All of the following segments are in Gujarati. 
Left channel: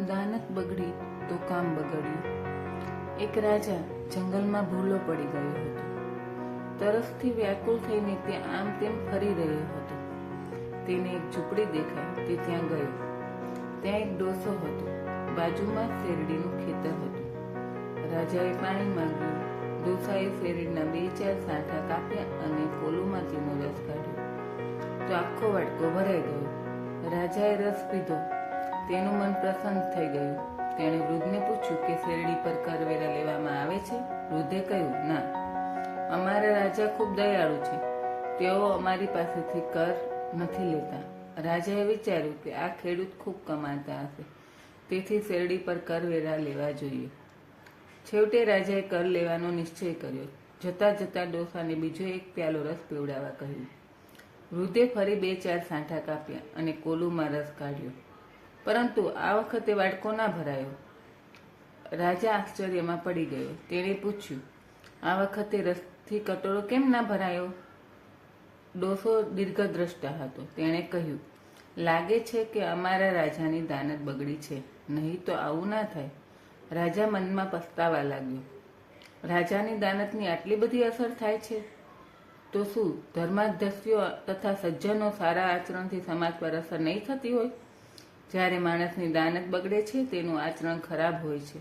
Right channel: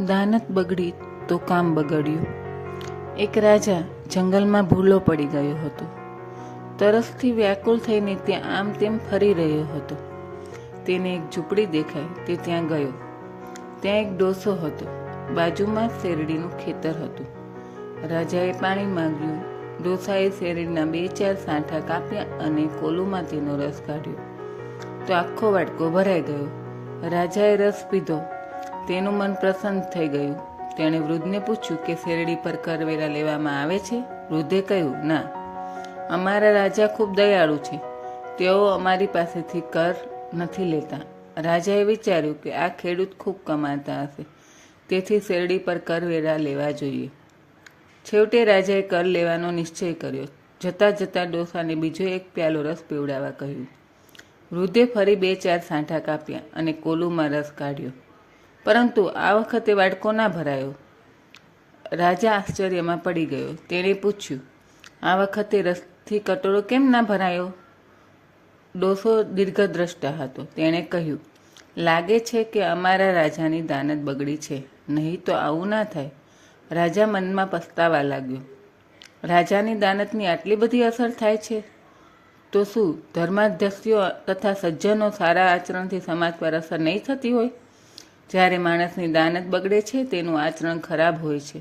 દાનત બગડી તો કામ બગડ્યું। એક રાજા જંગલમાં ભૂલો પડી ગયો હતો। તરસથી વ્યાકુળ થઈને ત્યાં આમ તેમ ફરી રહ્યો હતો। તેને એક ઝૂંપડી દેખાઈ તે ત્યાં ગયો। ત્યાં એક ડોસો હતો। બાજુમાં શેરડીનું ખેતર હતું। રાજાએ પાણી માંગ્યું। ડોસાએ શેરડીના 2-4 સાંઠા કાપ્યા અને કોલુમાં તેનો રસ કાઢ્યો તો આખો વાટકો ભરાઈ ગયો। રાજાએ રસ પીધો। તેનું મન પ્રસન્ન થઈ ગયું। તેણે વૃદ્ધને પૂછ્યું કે શેરડી પર કરવેરા લેવામાં આવે છે? વૃદ્ધે કહ્યું, ના, અમારા રાજા ખૂબ દયાળુ છે, તેઓ અમારી પાસેથી કર નથી લેતા। રાજાએ વિચાર્યું કે આ ખેડૂત ખૂબ કમાતા હશે, તેથી શેરડી પર કરવેરા લેવા જોઈએ। છેવટે રાજાએ કર લેવાનો નિશ્ચય કર્યો। જતાં જતાં ડોસાને બીજો એક પ્યાલો રસ પીવડાવવા કહ્યું। વૃદ્ધે ફરી 2-4 સાંઠા કાપ્યા અને કોલુમાં રસ કાઢ્યો, પરંતુ આ વખતે વાટકો ના ભરાયો। રાજા આશ્ચર્યમાં પડી ગયો। તેણે પૂછ્યું, આ વખતે રસથી કટોરો કેમ ના ભરાયો? ડોસો દીર્ઘદ્રષ્ટા હતો। તેણે કહ્યું, લાગે છે કે અમારા રાજાની દાનત બગડી છે, નહીં તો આવું ના થાય। રાજા મનમાં પસ્તાવા લાગ્યો। રાજાની દાનતની આટલી બધી અસર થાય છે, તો શું ધર્માધ્યક્ષીઓ તથા સજ્જનો સારા આચરણથી સમાજ પર અસર નહીં થતી હોય? જ્યારે માણસની દાનત બગડે છે, તેનું આચરણ ખરાબ હોય છે,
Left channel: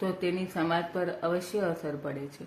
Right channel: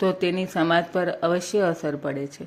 તો તેની સમાજ પર અવશ્ય અસર પડે છે।